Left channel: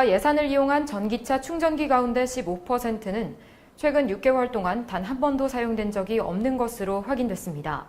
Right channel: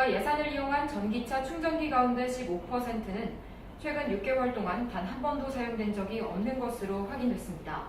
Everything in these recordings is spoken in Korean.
국가 예산을 이용한 전기차 충전기 가운데 15%는 최근 6개월 동안 단 한 번도 사용된 적이 없는 것으로 확인됐습니다.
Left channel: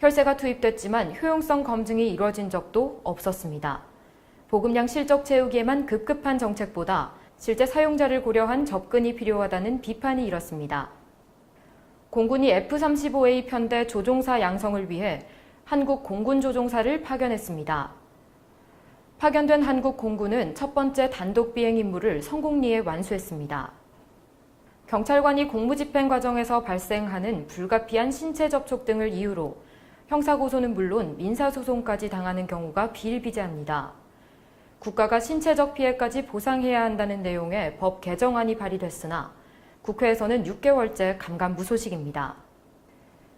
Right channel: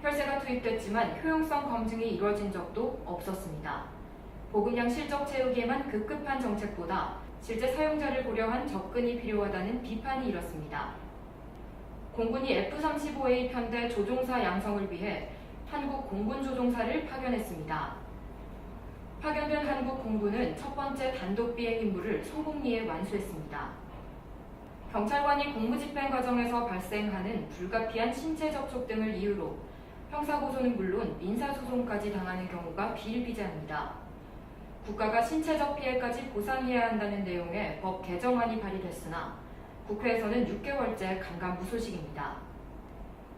혈세가 투입됐지만 효용성 검증이 이뤄진 적도 없었습니다. 보급량 실적 채우기에만 급급한 정책보다 실제 사용자를 고려한 접근이 필요하다는 비판이 일었습니다. 공군이 F-35A 편대 조종사 양성을 위해 한국 공군조종사를 파견했습니다. 파견된 한국 공군은 첫 번째 단독 비행 임무를 성공리에 완수했습니다. 경찰관이 공무집행 과정에서 발생하는 불가피한 신체 접촉 등을 이유로 형사고소는 물론 민사소송까지 당하는 경우가 비일비재합니다. 국가가 신체적 피해까지 보상해야 한다는 내용의 법 개정안이 발의됐으나 국회에서는 6개월째 감감무소식입니다.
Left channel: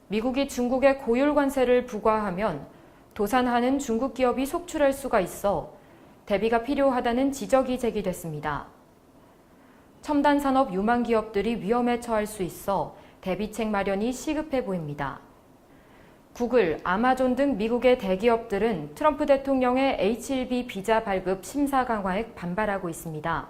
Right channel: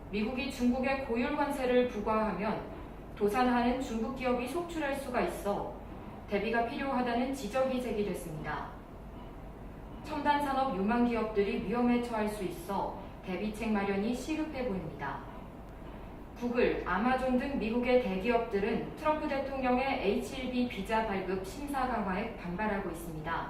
미국이 중국에 고율 관세를 부과하면 도산하는 중국 기업이 속출할 수가 있어 대비가 필요하다는 지적이 제기됐습니다. 첨단 산업 유망 기업들이 위험에 처할 수 있어 대비책 마련이 시급해 보입니다. 구글, 아마존 등 미국의 대기업들은 트럼프 대통령의 H-1B 비자 발급 심사 강화에 반발하고 있습니다.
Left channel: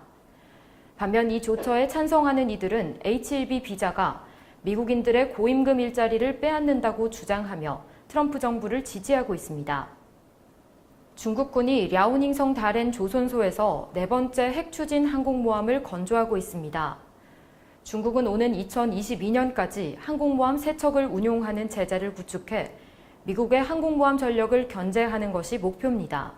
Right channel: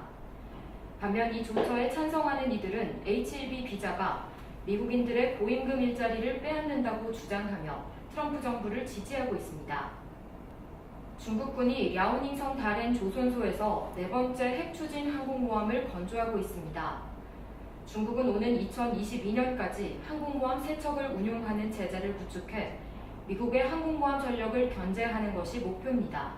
반면 이 조처에 찬성하는 이들은 H-1B 비자가 미국인들의 고임금 일자리를 빼앗는다고 주장하며 트럼프 정부를 지지하고 있습니다. 중국군이 랴오닝성 다롄 조선소에서 네 번째 핵 추진 항공모함을 건조하고 있습니다. 중국은 오는 2022년까지 항공모함 3척을 운용하는 체제를 구축해 미국의 항공모함 전력을 견제하는 것이 목표입니다.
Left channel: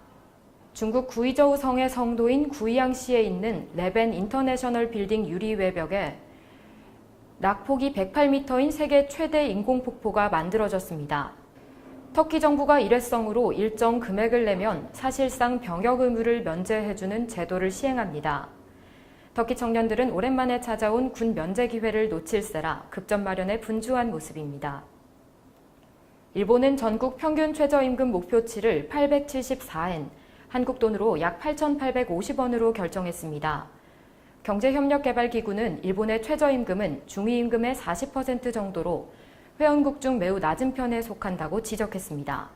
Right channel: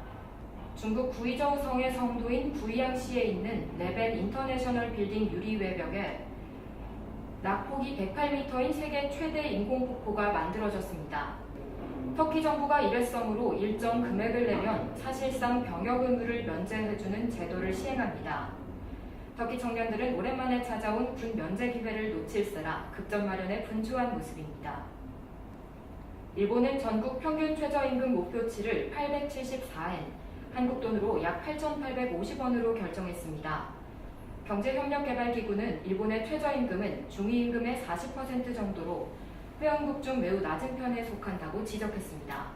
중국 구이저우 성의 성도인 구이양시에 있는 네벤 인터내셔널 빌딩 유리 외벽에 낙폭이 108m인 세계 최대 인공폭포가 만들어졌습니다. 터키 정부가 일회성으로 일정 금액을 내면 사실상 병역 의무를 면제해주는 제도를 시행합니다. 터키 청년들은 오랜만에 찾아온 군 면제 기회를 놓칠세라 급전 마련에 분주한 모습입니다. 일본은 전국 평균 최저임금 목표치를 874엔, 한국 돈으로 약 8,850원으로 결정했습니다. 경제협력개발기구는 일본의 최저임금은 중위임금의 40% 정도로 회원국 중 매우 낮은 편에 속한다고 지적했습니다.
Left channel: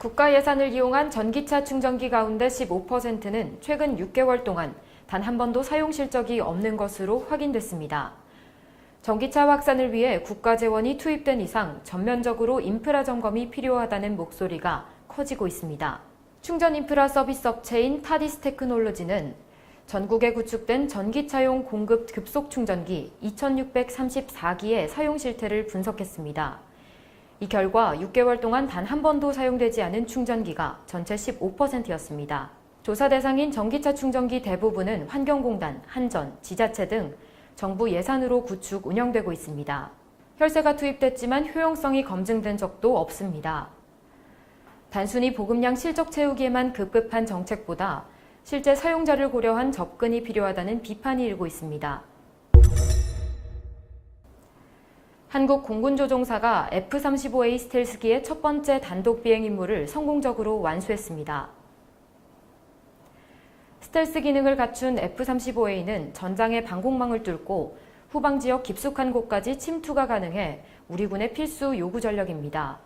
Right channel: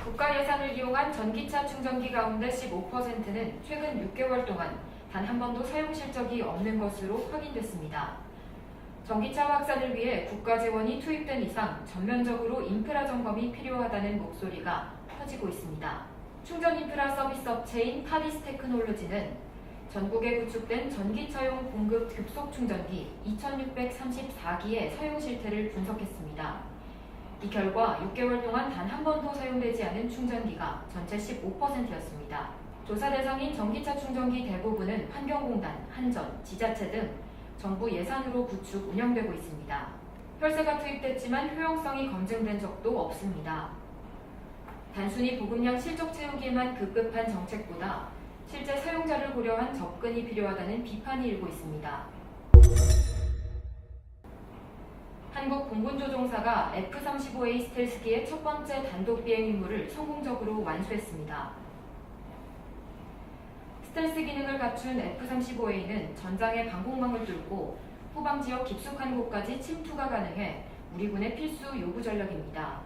국가 예산을 이용한 전기차 충전기 가운데 15%는 최근 6개월 동안 단 한 번도 사용 실적이 없는 것으로 확인됐습니다. 전기차 확산을 위해 국가 재원이 투입된 이상 전면적으로 인프라 점검이 필요하다는 목소리가 커지고 있습니다. 충전 인프라 서비스 업체인 타디스 테크놀로지는 전국에 구축된 전기차용 공급 급속 충전기 2634기의 사용 실태를 분석했습니다. 이 결과 6개월 동안 단 한 번도 사용되지 않은 충전기가 전체 15%였습니다. 조사 대상인 전기차 충전기 대부분은 환경공단, 한전, 지자체 등 정부 예산으로 구축, 운영되고 있습니다. 혈세가 투입됐지만 효용성이 검증된 적도 없습니다. 단순히 보급량 실적 채우기에만 급급한 정책보다 실제 사용자를 고려한 접근이 필요하다는 비판이 일고 있습니다. 한국 공군조종사가 F-35A 스텔스기의 첫 번째 단독 비행 임무를 성공적으로 완수했습니다. 스텔스 기능을 갖춘 F-35A는 전장의 방공망을 뚫고 후방 지역 깊숙한 곳까지 침투가 가능해 우리 군의 필수 요구 전력입니다.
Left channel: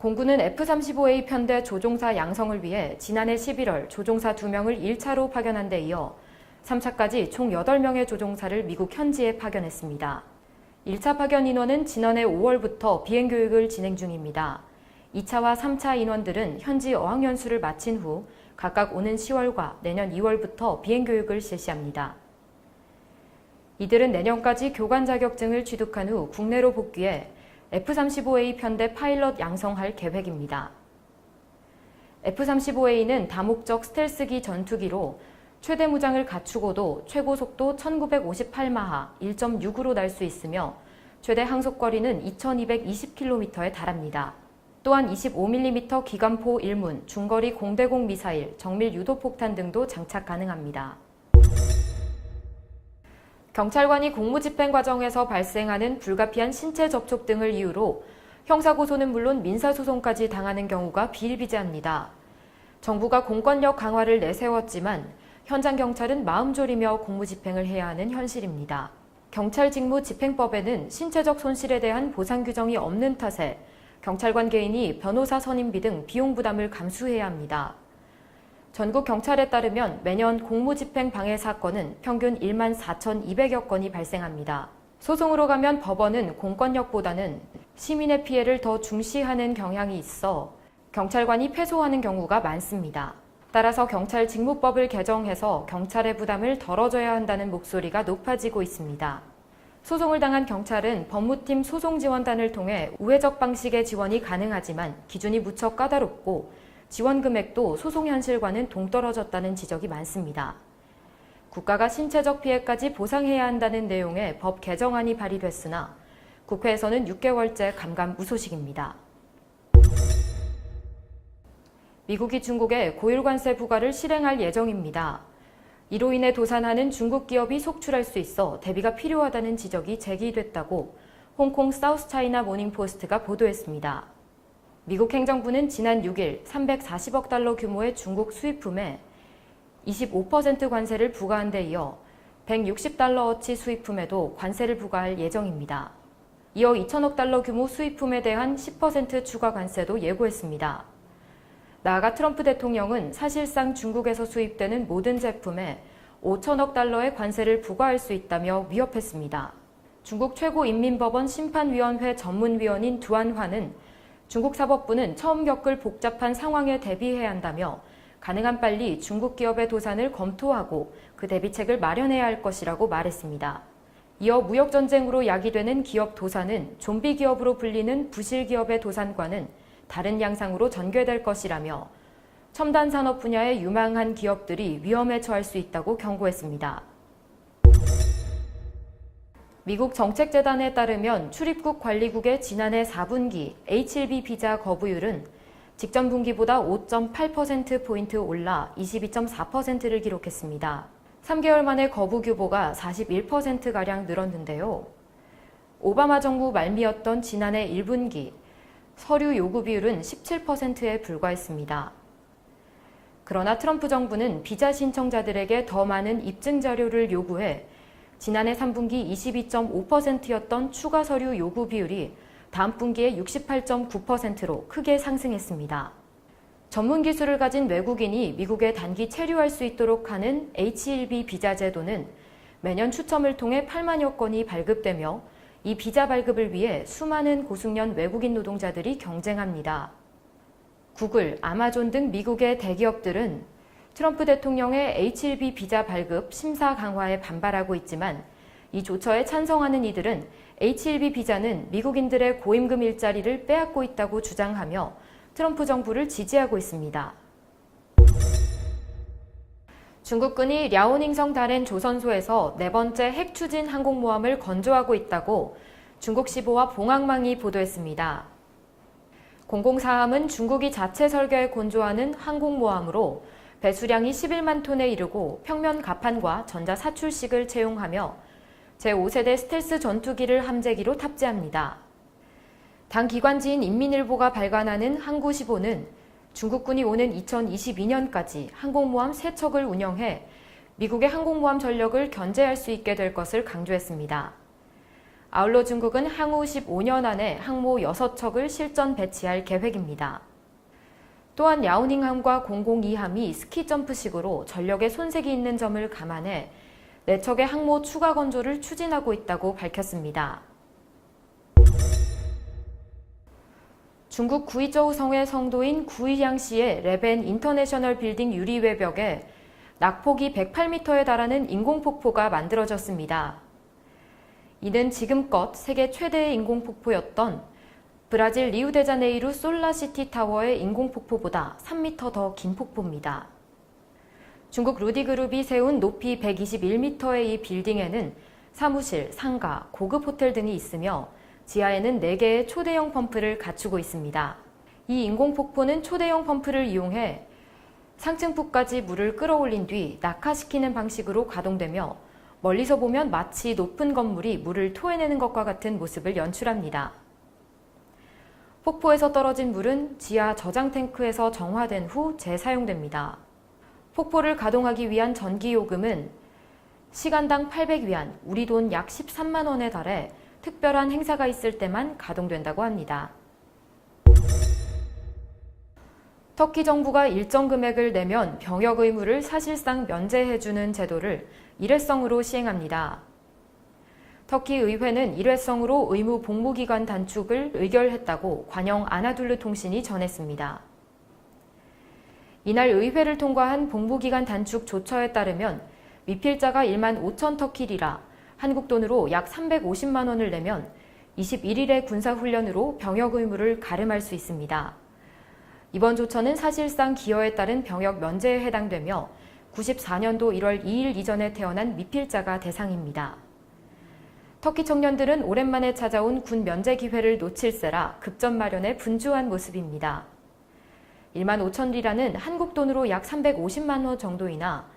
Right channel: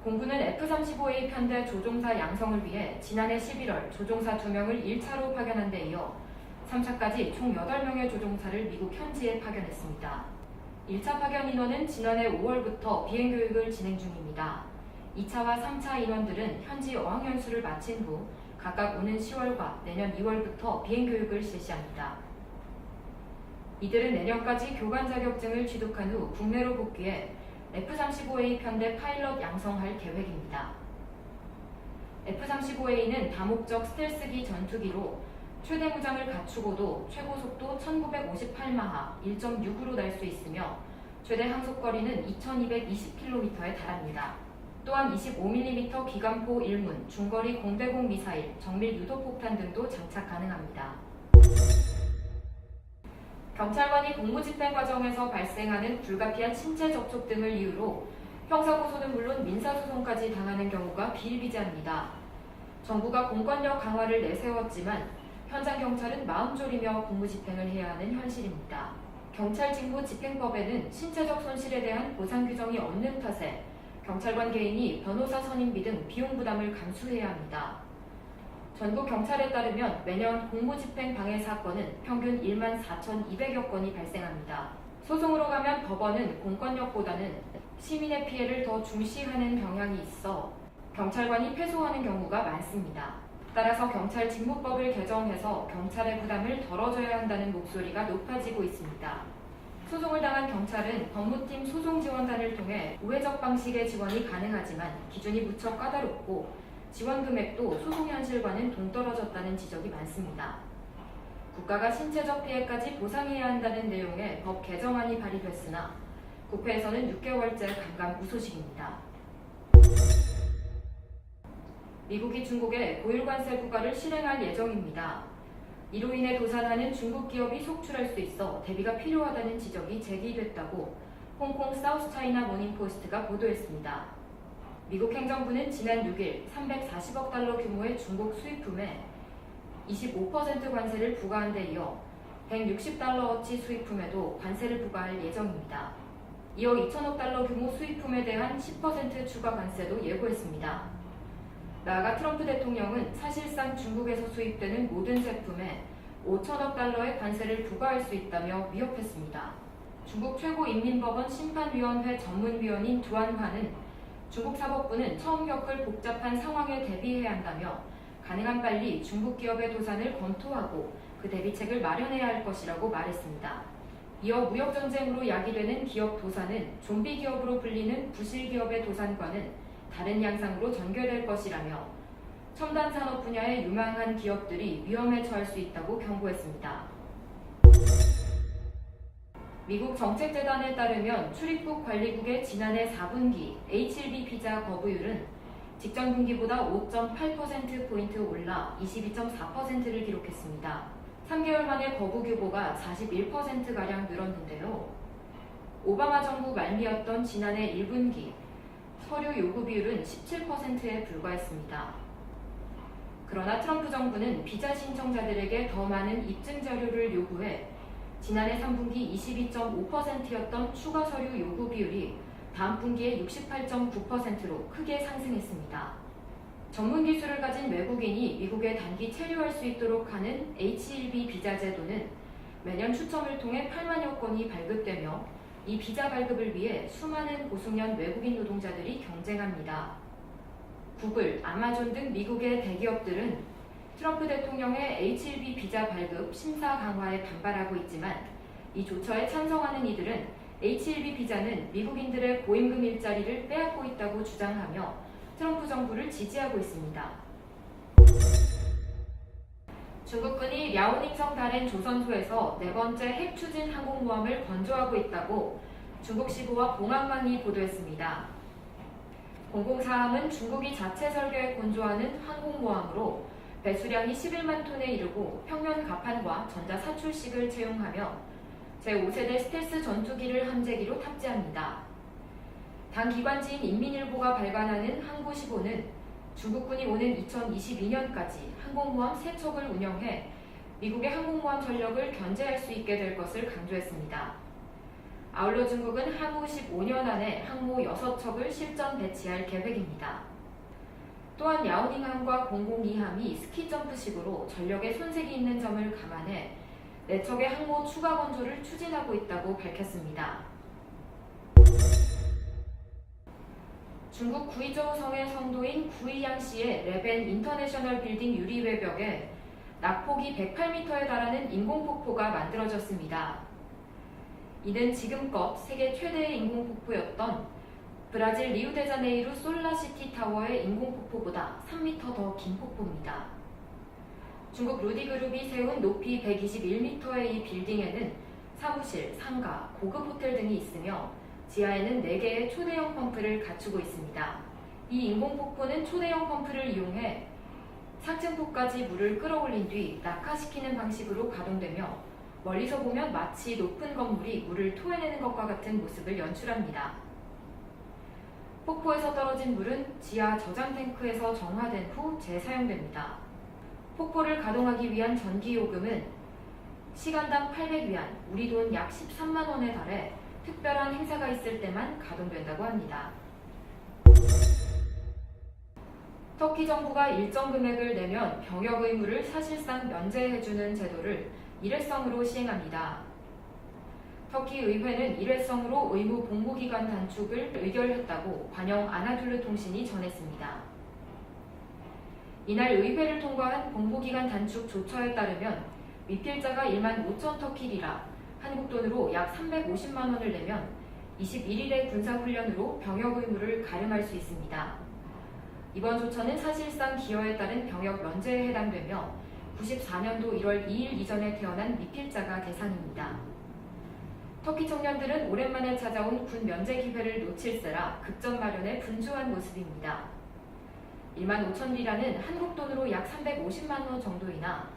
공군은 F-35A 편대 조종사 양성을 위해 지난해 11월 조종사 2명을 1차로 파견한 데 이어 3차까지 총 8명의 조종사를 미국 현지에 파견했습니다. 1차 파견 인원은 지난해 5월부터 비행 교육을 진행 중입니다. 2차와 3차 인원들은 현지 어학연수를 마친 후 각각 오는 10월과 내년 2월부터 비행 교육을 실시합니다. 이들은 내년까지 교관 자격증을 취득한 후 국내로 복귀해 F-35A 편대 파일럿 양성할 계획입니다. F-35A는 다목적 스텔스기 전투기로 최대 무장을 갖추고도 최고 속도 1958마하 1.6으로 날 수 있으며 최대 항속거리는 2220km에 달합니다. 또한 25mm 기관포 1문, 중거리 공대공 미사일, 정밀 유도폭탄 등도 장착 가능합니다. 경찰관이 공무집행 과정에서 발생하는 불가피한 신체 접촉 등을 이유로 형사고소는 물론 민사소송까지 당하는 경우가 비일비재합니다. 정부가 공권력 강화를 내세웠지만 현장 경찰은 마음 졸이며 공무집행을 해야 하는 현실입니다. 경찰직무집행법에는 신체적 손실에 대한 보상 규정이 없는 탓에 경찰관 개인이 변호사 선임비 등 비용 부담을 감수해야 합니다. 전국 경찰에 따르면 매년 공무집행 방해 사건은 평균 14,200여 건이 발생합니다. 소송으로 가면 법원은 공권력보다는 시민의 피해를 더 중시하는 경향이 있어 경찰관이 패소하는 경우가 많습니다. 따라서 경찰 직무법을 개정해서 경찰의 부담을 덜어줘야 한다는 목소리가 높아지고 있습니다. 소송을 당한 경찰은 법무팀 소송지원단을 통해 우회적 방식의 지원이 가능하지만 기준이 무척 까다롭고 지원 금액도 소송 현실과는 동떨어졌다는 지적이 많습니다. 국가가 신체적 피해까지 보상해야 한다는 내용의 법 개정안이 발의됐으나 국회에서는 6개월째 감감무소식입니다. 미국이 중국에 고율 관세 부과를 실행할 예정입니다. 이로 인해 도산하는 중국 기업이 속출할 수 있어 대비가 필요하다는 지적이 제기됐다고 홍콩 사우스차이나 모닝포스트가 보도했습니다. 미국 행정부는 지난 6일 340억 달러 규모의 중국 수입품에 25% 관세를 부과한 데 이어 160달러어치 수입품에도 관세를 부과할 예정입니다. 이어 2천억 달러 규모 수입품에 대한 10% 추가 관세도 예고했습니다. 나아가 트럼프 대통령은 사실상 중국에서 수입되는 모든 제품에 5천억 달러의 관세를 부과할 수 있다며 위협했습니다. 중국 최고인민법원 심판위원회 전문위원인 두안화는 중국 사법부는 처음 겪을 복잡한 상황에 대비해야 한다며 가능한 빨리 중국 기업의 도산을 검토하고 그 대비책을 마련해야 할 것이라고 말했습니다. 이어 무역전쟁으로 야기되는 기업 도산은 좀비 기업으로 불리는 부실 기업의 도산과는 다른 양상으로 전개될 것이라며 첨단 산업 분야의 유망한 기업들이 위험에 처할 수 있다고 경고했습니다. 미국 정책재단에 따르면 출입국 관리국의 지난해 4분기 H-1B 비자 거부율은 직전 분기보다 5.8%포인트 올라 22.4%를 기록했습니다. 3개월 만에 거부 규모가 41%가량 늘었는데요. 오바마 정부 말미였던 지난해 1분기 서류 요구 비율은 17%에 불과했습니다. 그러나 트럼프 정부는 비자 신청자들에게 더 많은 입증 자료를 요구해 지난해 3분기 22.5%였던 추가 서류 요구 비율이 다음 분기에 68.9%로 크게 상승했습니다. 전문 기술을 가진 외국인이 미국에 단기 체류할 수 있도록 하는 H-1B 비자 제도는 매년 추첨을 통해 8만여 건이 발급되며 이 비자 발급을 위해 수많은 고숙련 외국인 노동자들이 경쟁합니다. 구글, 아마존 등 미국의 대기업들은 트럼프 대통령의 H-1B 비자 발급 심사 강화에 반발하고 있지만 이 조처에 찬성하는 이들은 H-1B 비자는 미국인들의 고임금 일자리를 빼앗고 있다고 주장하며 트럼프 정부를 지지하고 있습니다. 중국군이 랴오닝성 다롄 조선소에서 4번째 핵 추진 항공모함을 건조하고 있다고 중국 시보와 봉황망이 보도했습니다. 004함은 중국이 자체 설계해 건조하는 항공모함으로 배수량이 11만 톤에 이르고 평면 갑판과 전자 사출식을 채용하며 제5세대 스텔스 전투기를 함재기로 탑재합니다. 당 기관지인 인민일보가 발간하는 항구시보는 중국군이 오는 2022년까지 항공모함 3척을 운영해 미국의 항공모함 전력을 견제할 수 있게 될 것을 강조했습니다. 아울러 중국은 향후 15년 안에 항모 6척을 실전 배치할 계획입니다. 또한 랴오닝함과 002함이 스키점프식으로 전력에 손색이 있는 점을 감안해 4척의 항모 추가 건조를 추진하고 있다고 밝혔습니다. 중국 구이저우 성의 성도인 구이양시의 레벤 인터내셔널 빌딩 유리 외벽에 낙폭이 108m에 달하는 인공폭포가 만들어졌습니다. 이는 지금껏 세계 최대의 인공폭포였던 브라질 리우데자네이루 솔라시티 타워의 인공폭포보다 3m 더 긴 폭포입니다. 중국 루디그룹이 세운 높이 121m의 이 빌딩에는 사무실, 상가, 고급 호텔 등이 있으며 지하에는 4개의 초대형 펌프를 갖추고 있습니다. 이 인공폭포는 초대형 펌프를 이용해 상층부까지 물을 끌어올린 뒤 낙하시키는 방식으로 가동되며 멀리서 보면 마치 높은 건물이 물을 토해내는 것과 같은 모습을 연출합니다. 폭포에서 떨어진 물은 지하 저장 탱크에서 정화된 후 재사용됩니다. 폭포를 가동하기 위한 전기 요금은 시간당 800위안, 우리 돈 약 13만 원에 달해 특별한 행사가 있을 때만 가동된다고 합니다. 터키 정부가 일정 금액을 내면 병역 의무를 사실상 면제해주는 제도를 일회성으로 시행합니다. 터키 의회는 일회성으로 의무 복무기간 단축을 의결했다고 관영 아나둘루 통신이 전했습니다. 이날 의회를 통과한 복무기간 단축 조처에 따르면 미필자가 1만 5천 터키리라, 한국 돈으로 약 350만 원을 내면 21일의 군사훈련으로 병역 의무를 가름할 수 있습니다. 이번 조처는 사실상 기여에 따른 병역 면제에 해당되며 94년도 1월 2일 이전에 태어난 미필자가 대상입니다. 터키 청년들은 오랜만에 찾아온 군 면제 기회를 놓칠세라 급전 마련에 분주한 모습입니다. 1만 5천 리라는 한국 돈으로 약 350만 원 정도이나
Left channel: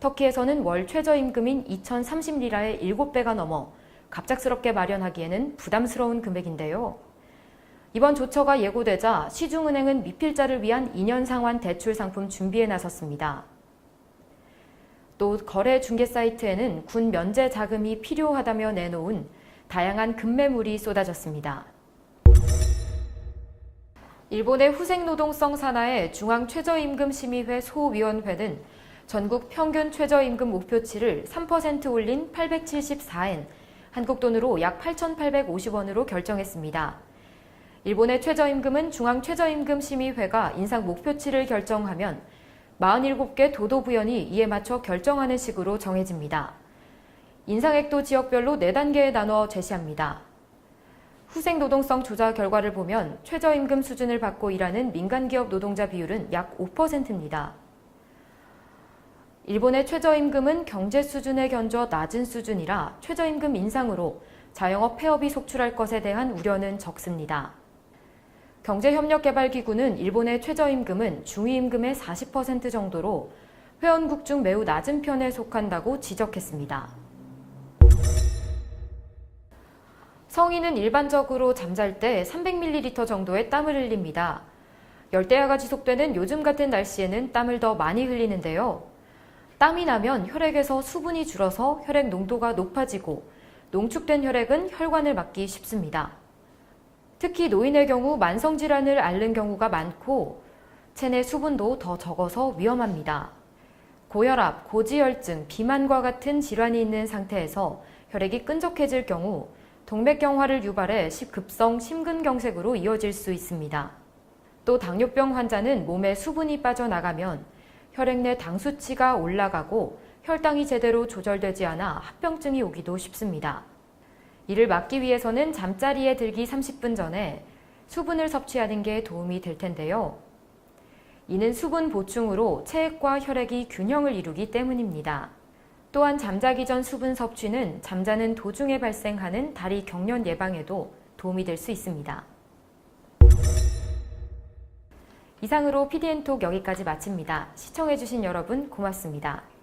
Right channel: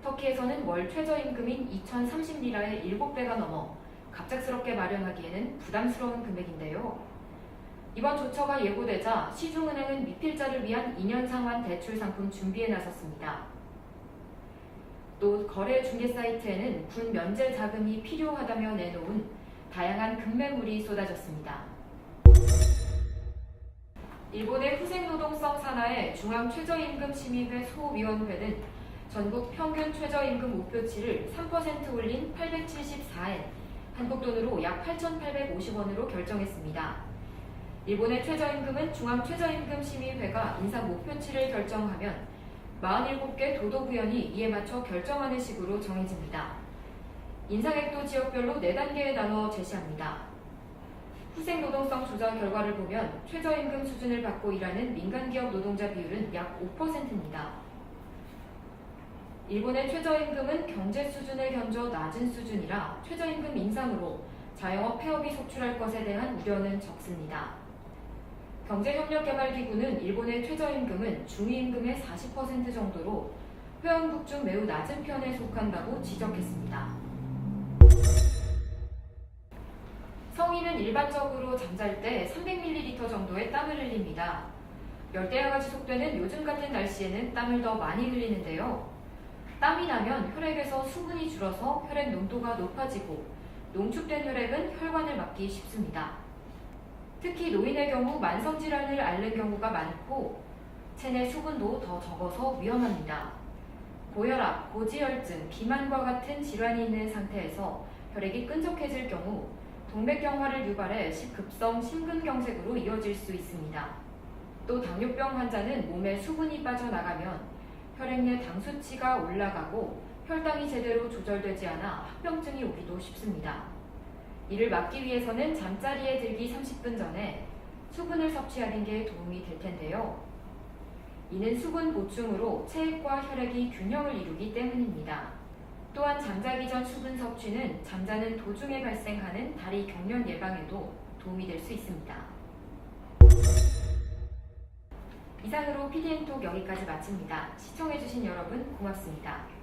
터키에서는 월 최저임금인 2,030리라의 7배가 넘어 갑작스럽게 마련하기에는 부담스러운 금액인데요. 이번 조처가 예고되자 시중은행은 미필자를 위한 2년 상환 대출 상품 준비에 나섰습니다. 또 거래 중개 사이트에는 군 면제 자금이 필요하다며 내놓은 다양한 급매물이 쏟아졌습니다. 일본의 후생노동성 산하의 중앙최저임금심의회 소위원회는 전국 평균 최저임금 목표치를 3% 올린 874엔, 한국 돈으로 약 8,850원으로 결정했습니다. 일본의 최저임금은 중앙최저임금심의회가 인상 목표치를 결정하면 47개 도도부연이 이에 맞춰 결정하는 식으로 정해집니다. 인상액도 지역별로 4단계에 나눠 제시합니다. 후생노동성 조사 결과를 보면 최저임금 수준을 받고 일하는 민간기업 노동자 비율은 약 5%입니다. 일본의 최저임금은 경제 수준에 견져 낮은 수준이라 최저임금 인상으로 자영업 폐업이 속출할 것에 대한 우려는 적습니다. 경제협력개발기구는 일본의 최저임금은 중위임금의 40% 정도로 회원국 중 매우 낮은 편에 속한다고 지적했습니다. 성인은 일반적으로 잠잘 때 300ml 정도의 땀을 흘립니다. 열대야가 지속되는 요즘 같은 날씨에는 땀을 더 많이 흘리는데요. 땀이 나면 혈액에서 수분이 줄어서 혈액 농도가 높아지고 농축된 혈액은 혈관을 막기 쉽습니다. 특히 노인의 경우 만성질환을 앓는 경우가 많고 체내 수분도 더 적어서 위험합니다. 고혈압, 고지혈증, 비만과 같은 질환이 있는 상태에서 혈액이 끈적해질 경우 동맥경화를 유발해 급성 심근경색으로 이어질 수 있습니다. 또 당뇨병 환자는 몸에 수분이 빠져나가면 혈액 내 당 수치가 올라가고 혈당이 제대로 조절되지 않아 합병증이 오기도 쉽습니다. 이를 막기 위해서는 잠자리에 들기 30분 전에 수분을 섭취하는 게 도움이 될 텐데요. 이는 수분 보충으로 체액과 혈액이 균형을 이루기 때문입니다. 또한 잠자기 전 수분 섭취는 잠자는 도중에 발생하는 다리 경련 예방에도 도움이 될 수 있습니다. 이상으로 PDN톡 여기까지 마칩니다. 시청해주신 여러분 고맙습니다.